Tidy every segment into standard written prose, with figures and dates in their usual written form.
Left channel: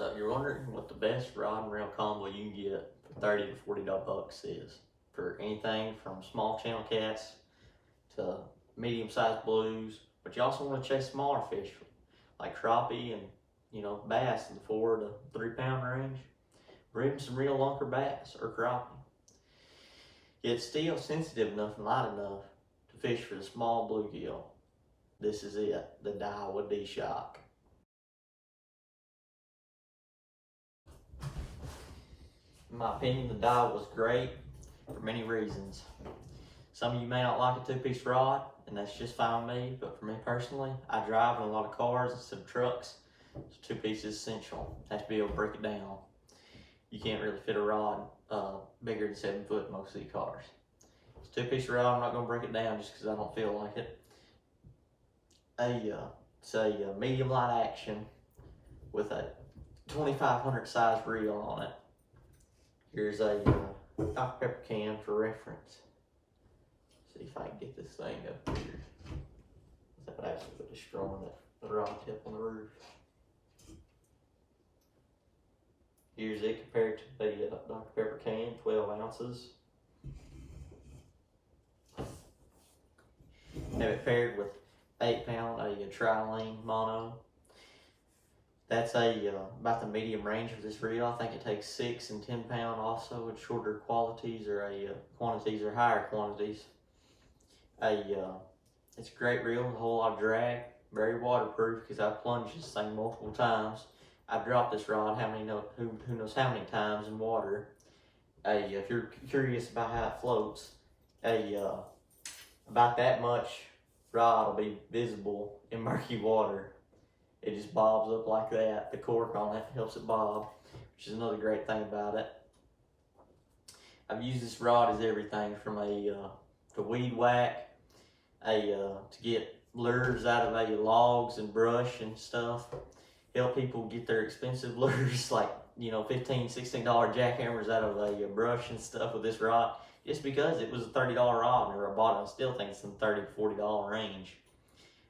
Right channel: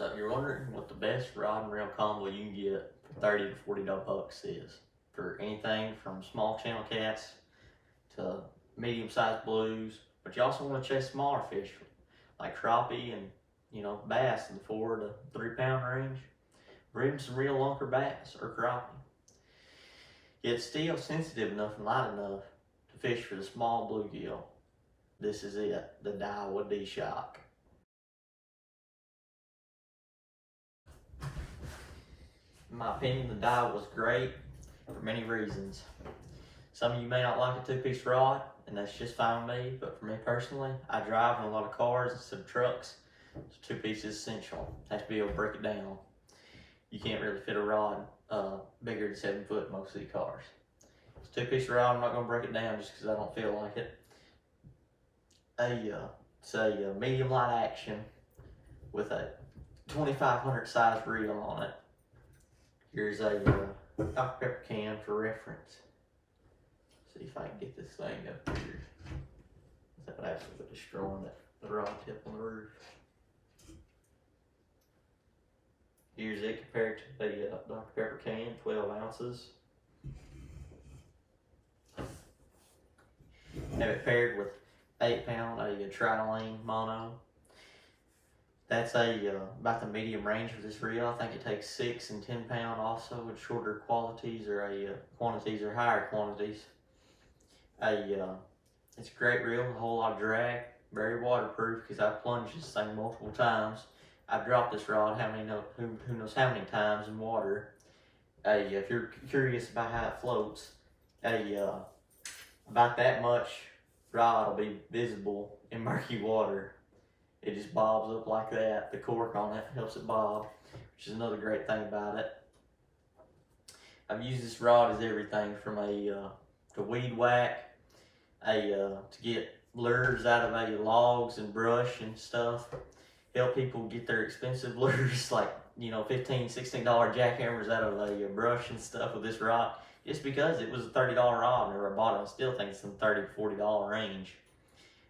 So if you're wondering what the best rod and reel combo you can get for 30 to $40 is, for anything from small channel cats to medium-sized blues, but you also want to chase smaller fish like crappie and bass in the 4 to 3 pound range, or even some real lunker bass or crappie. Yet still sensitive enough and light enough to fish for the small bluegill. This is it, the Daiwa D-Shock. In my opinion, the Daiwa was great for many reasons. Some of you may not like a 2-piece rod, and that's just fine with me, but for me personally, I drive in a lot of cars instead of trucks, so 2-piece is essential. I have to be able to break it down. You can't really fit a rod bigger than 7 foot in most of these cars. It's a 2-piece rod. I'm not going to break it down just because I don't feel like it. It's a medium light action with a 2500 size reel on it. Here's a Dr. Pepper can for reference. See if I can get this thing up here without actually destroying the rod tip on the roof. Here's it compared to the Dr. Pepper can, 12 ounces. Have it paired with 8 pound, a tri-lane mono. That's about the medium range for this reel. I think it takes 6 and 10 pound also with shorter quantities or quantities or higher quantities. It's a great reel with a whole lot of drag, very waterproof because I've plunged this thing multiple times. I've dropped this rod who knows how many times in water. If you're curious about how it floats, about that much rod will be visible in murky water. It just bobs up like that. The cork on it helps it bob, which is another great thing about it. I've used this rod as everything from to weed whack, to get lures out of logs and brush and stuff. Help people get their expensive lures like $15, $16 jackhammers out of brush and stuff with this rod. Just because it was a $30 rod, or I bought it, I still think it's in the $30 to $40 range.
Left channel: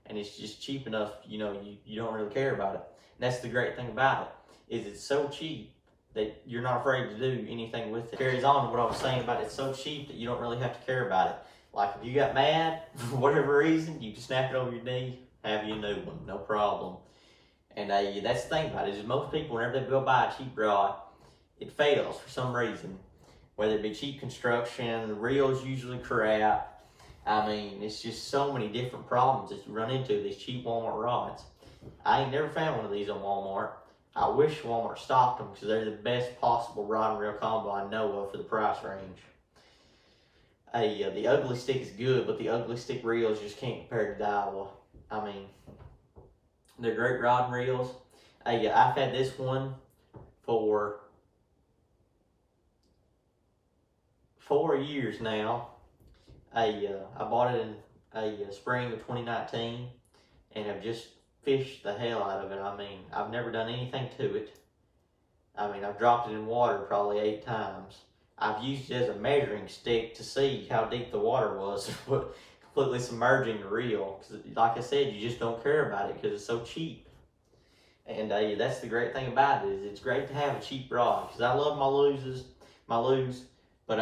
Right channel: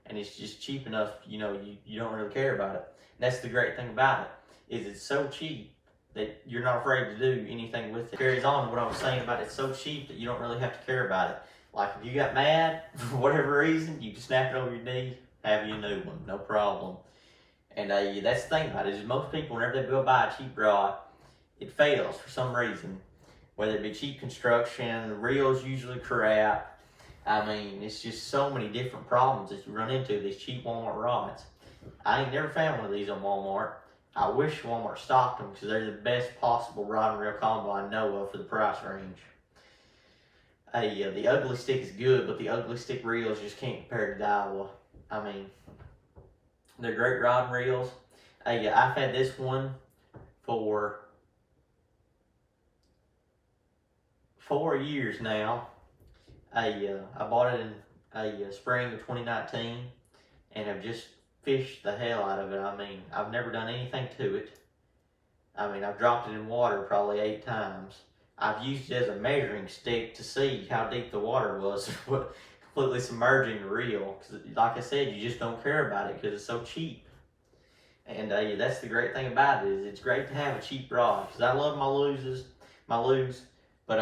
And it's just cheap enough, you don't really care about it. And that's the great thing about it, is it's so cheap that you're not afraid to do anything with it. It carries on to what I was saying about it's so cheap that you don't really have to care about it. Like if you got mad, for whatever reason, you can snap it over your knee, have you a new one, no problem. And that's the thing about it, is most people, whenever they go buy a cheap rod, it fails for some reason. Whether it be cheap construction, the reel's usually crap. I mean, it's just so many different problems that you run into these cheap Walmart rods. I ain't never found one of these on Walmart. I wish Walmart stocked them because they're the best possible rod and reel combo I know of for the price range. The ugly stick is good, but the ugly stick reels just can't compare to Daiwa. I mean, they're great rod and reels. I've had this one for 4 years now. I bought it in spring of 2019 and have just fished the hell out of it. I mean, I've never done anything to it. I mean, I've dropped it in water probably 8 times. I've used it as a measuring stick to see how deep the water was, completely submerging the reel. Cause like I said, you just don't care about it because it's so cheap. And that's the great thing about it, is it's great to have a cheap rod. Because I love my luges, but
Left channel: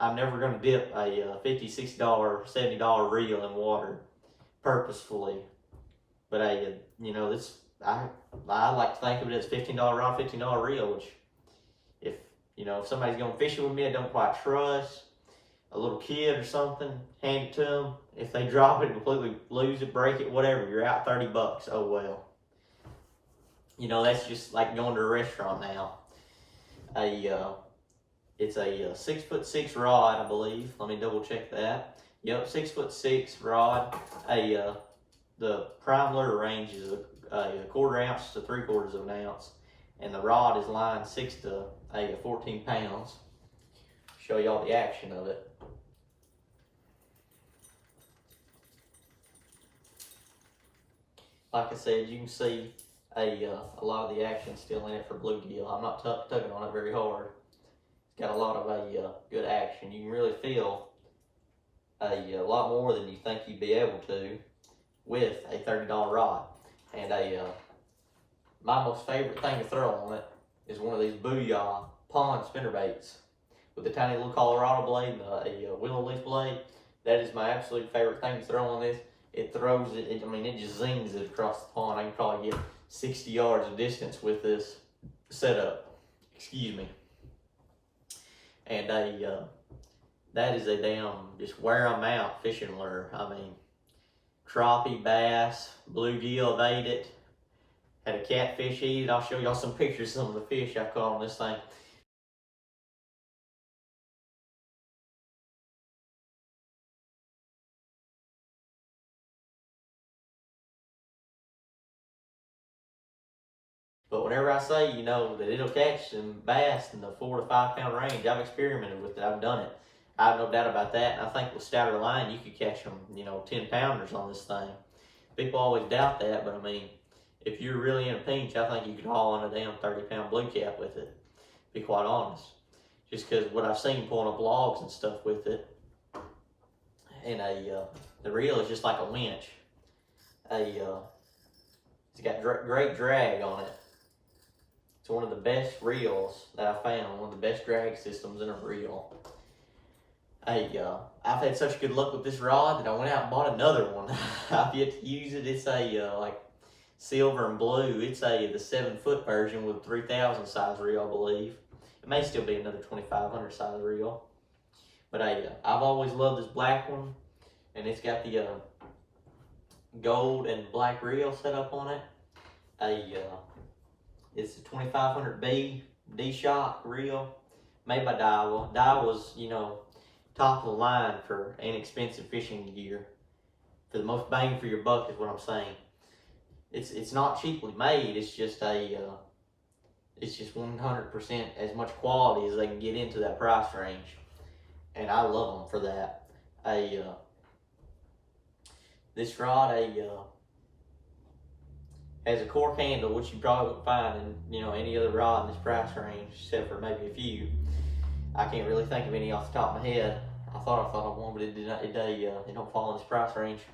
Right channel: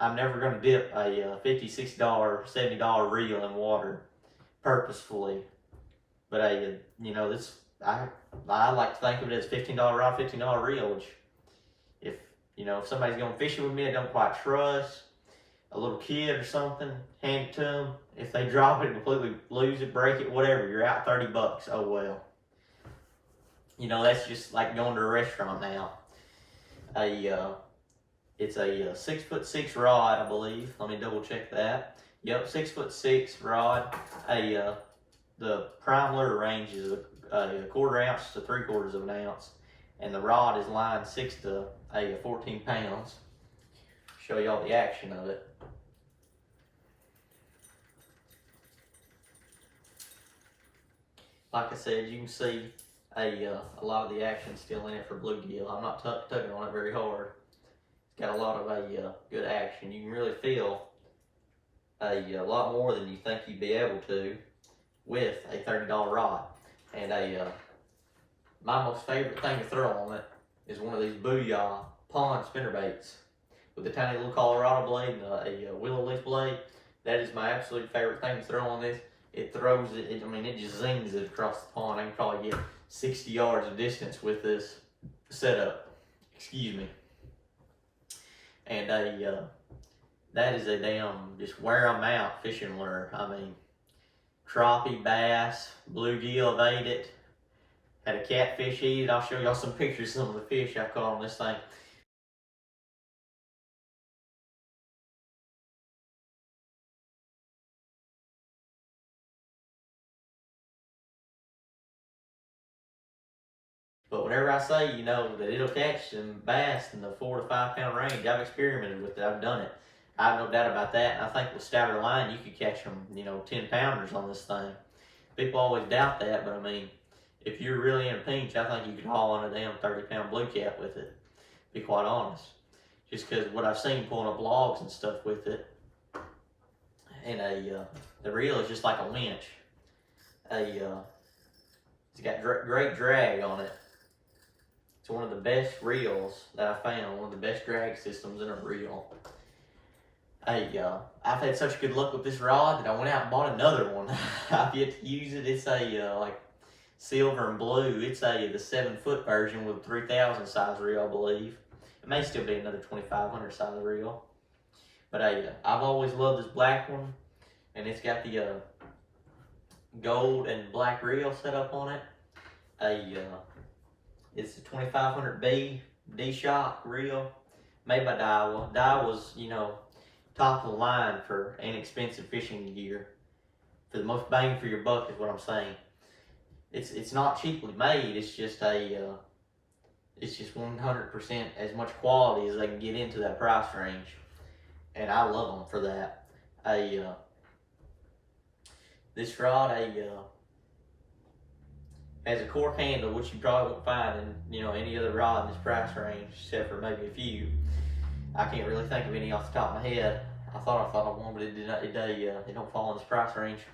I'm never going to dip a $50, $60, $70 reel in water purposefully. But I like to think of it as $15 rod, $15 reel, which if somebody's going to fish it with me I don't quite trust, a little kid or something, hand it to them. If they drop it, completely lose it, break it, whatever, you're out $30. Oh well. That's just like going to a restaurant now. It's a 6'6" rod, I believe. Let me double check that. Yep, 6'6" rod. The prime lure range is a 1/4 ounce to 3/4 of an ounce, and the rod is lined 6 to 14 pounds. Show y'all the action of it. Like I said, you can see a lot of the action still in it for bluegill. I'm not tugging on it very hard. It's got a lot of good action. You can really feel a lot more than you think you'd be able to with a $30 rod. And my most favorite thing to throw on it is one of these Booyah pond spinnerbaits with a tiny little Colorado blade and a willow leaf blade. That is my absolute favorite thing to throw on this. It throws it, I mean, it just zings it across the pond. I can probably get 60 yards of distance with this setup. Excuse me. And that is a damn just wear 'em out fishing lure. I mean, crappie, bass, bluegill have ate it. Had a catfish eat it. I'll show y'all some pictures of some of the fish I caught on this thing. But whenever I say, you know, that it'll catch some bass in the 4 to 5 pound range, I've experimented with it. I've done it. I have no doubt about that. And I think with stouter line, you could catch them, you know, 10 pounders on this thing. People always doubt that, but I mean, if you're really in a pinch, I think you could haul on a damn 30 pound blue cap with it. Be quite honest. Just because what I've seen pulling up logs and stuff with it, and the reel is just like a winch. It's got great drag on it. It's one of the best reels that I found. One of the best drag systems in a reel. I've had such good luck with this rod that I went out and bought another one. I've yet to use it. It's a like silver and blue. It's the 7-foot version with 3,000 size reel, I believe. It may still be another 2,500 size reel. But I've always loved this black one, and it's got the gold and black reel set up on it. It's a 2500B D-Shock reel made by Daiwa. Daiwa's, you know, top of the line for inexpensive fishing gear. For the most bang for your buck is what I'm saying. It's not cheaply made. It's just it's just 100% as much quality as they can get into that price range, and I love them for that. This rod has a cork handle, which you probably won't find in, you know, any other rod in this price range, except for maybe a few. I can't really think of any off the top of my head. I thought of one, but it don't fall in this price range.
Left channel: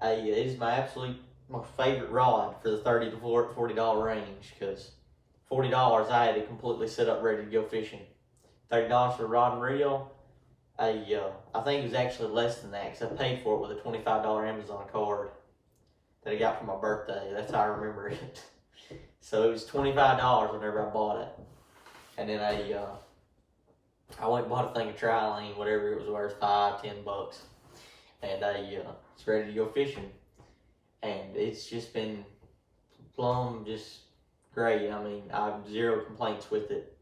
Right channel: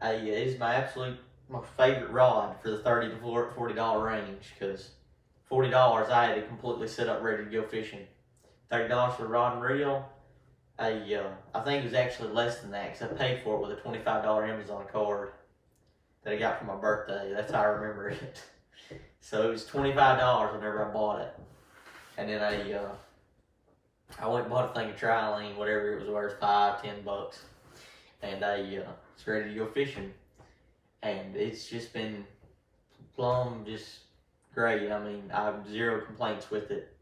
It is my absolute most favorite rod for the $30 to $40 range, because $40 I had it completely set up ready to go fishing. $30 for a rod and reel. I think it was actually less than that, because I paid for it with a $25 Amazon card that I got for my birthday. That's how I remember it. So it was $25 whenever I bought it. And then I went and bought a thing of Trilene, whatever it was worth, $5-10. And it's ready to go fishing. And it's just been plumb just great. I mean, I have zero complaints with it.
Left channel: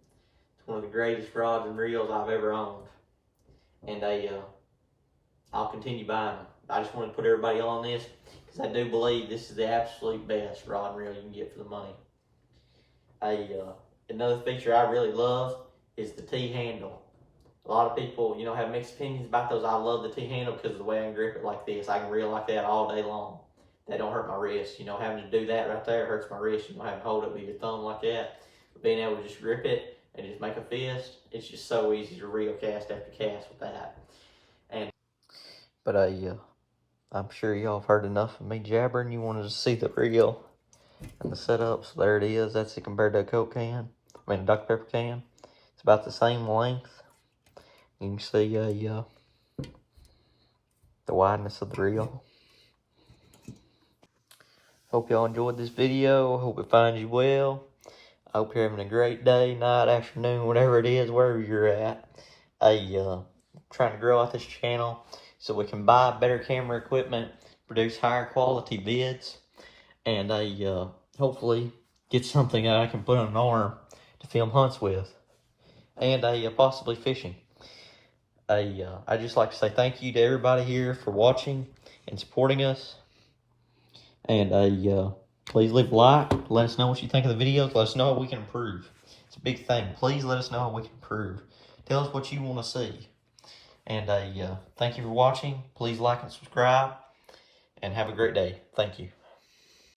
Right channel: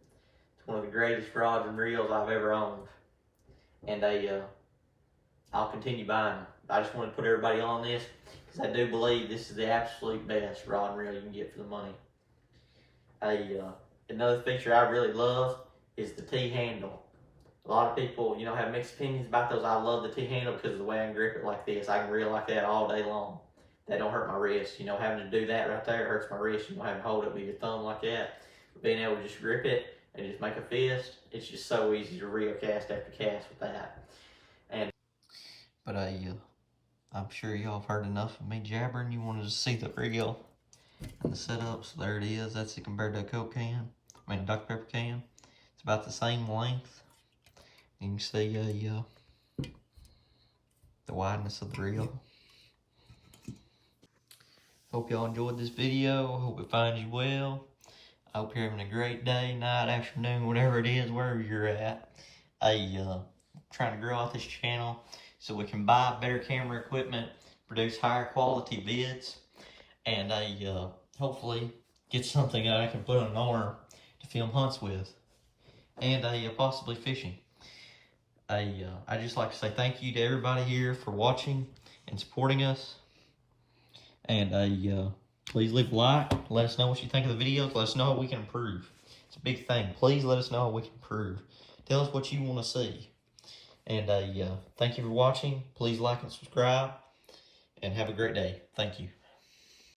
It's one of the greatest rods and reels I've ever owned. And I'll continue buying them. I just want to put everybody on this, because I do believe this is the absolute best rod and reel you can get for the money. Another feature I really love is the T-handle. A lot of people, you know, have mixed opinions about those. I love the T-handle because of the way I can grip it like this. I can reel like that all day long. That don't hurt my wrist. You know, having to do that right there hurts my wrist. You know, having to hold it with your thumb like that. But being able to just grip it and just make a fist, it's just so easy to reel cast after cast with that. But I'm sure y'all have heard enough of me jabbering. You wanted to see the reel and the setup, so there it is. That's it compared to a Coke can. I mean, a Dr. Pepper can. It's about the same length. You can see the wideness of the reel. Hope y'all enjoyed this video. Hope it finds you well. I hope you're having a great day, night, afternoon, whatever it is, wherever you're at. Trying to grow out this channel so we can buy better camera equipment, produce higher quality vids, and hopefully get something that I can put on an arm to film hunts with, and possibly fishing. I'd just like to say thank you to everybody here for watching and supporting us. And please leave a like. Let us know what you think of the video. Let us know how we can improve. It's a big thing. Please let us know how we can improve. Tell us what you want to see. And thank you for watching. Please like and subscribe. And have a great day. Thank you.